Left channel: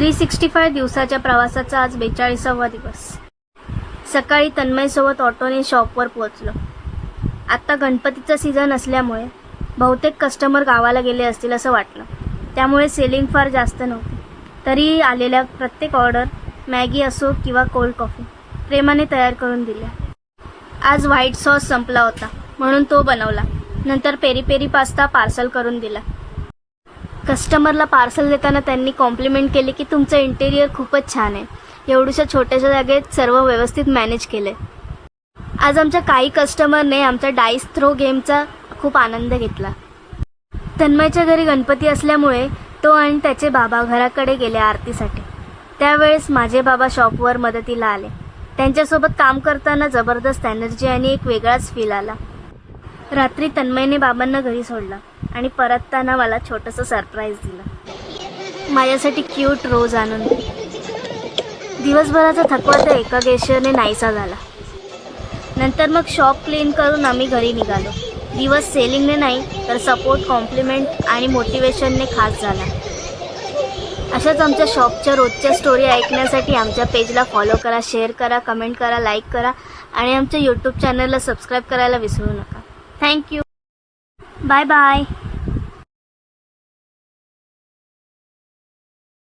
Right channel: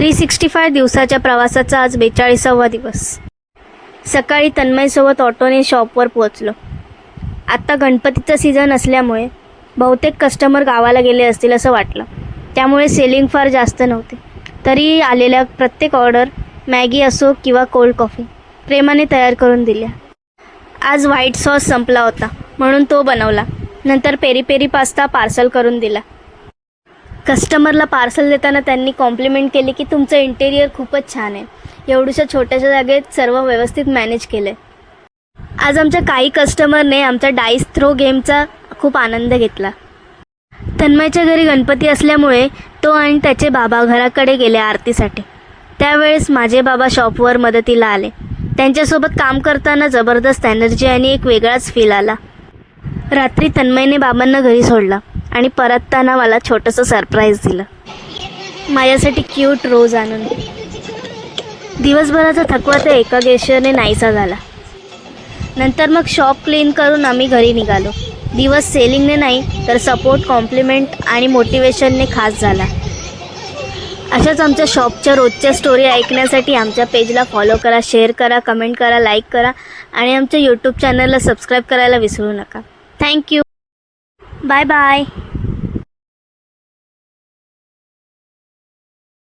365 दिवसाच्या प्रवासाचा आज 42वा दिवस। सकाळी तन्मयसोबत ऑटोने शॉपवर पोहोचलो। आत्ता गणपतीचा सीझन असल्यामुळे बहुतेक कस्टमर गावाला गेले असतील असं वाटलं, त्यामुळे सेलिंग फार जास्त नव्हते। तरी आलेल्या प्रत्येक ऑर्डर मॅगी असो किंवा कोल्ड कॉफी प्रेमाने तयार करून दिल्या। आज व्हाईट सॉस संपला होता म्हणून तो बनवला, नंतर पेरी पेरी पास्ता पार्सल करून दिला। कस्टमरला पार्सल देताना त्यांनी कॉम्प्लिमेंट केली की तुमचं इंटेरियर खूपच छान आहे, एवढ्या छोट्याशा जागेत सर्व व्यवस्थित मॅनेज केलंय। आज आमच्या काही कस्टमरने आमच्या डाईस थ्रो गेमचा खूप आनंद घेतला। तन्मयच्या घरी गणपती असल्यामुळे तो आणि त्याचे बाबा घराकडे गेले आरतीसाठी। त्यावेळेस माझे बाबा शॉपवर मदतीला आले। त्यांच्यासोबत काम करताना जबरदस्त एनर्जी आणि एक वेगळाच फील आला। रात्री तन्मयने बाबांना घरी सोडला आणि परतताना मला छोटंसं सरप्राईज दिलं, माझ्यासाठी क्यूट रोज आणून। दिवसभराचा थकवा त्या एका गेस्चरने नाहीसा झाला। नंतर मग शॉप क्लीन करून आम्ही घरी निघालो। दिवस सेलिंगने नाही तर सपोर्ट, कॉम्प्लिमेंट आणि मोटिवेशनने खास झाला। अशाच आमच्या शॉपच्या रोजच्या स्टोरी ऐकण्यासाठी आमच्या पेजला फॉलो करा, शेअर करा, कमेंट करा, लाईक करा आणि आमच्या यूट्यूब चॅनलला सबस्क्राईब करायला विसरू नका। Thank you, bye bye.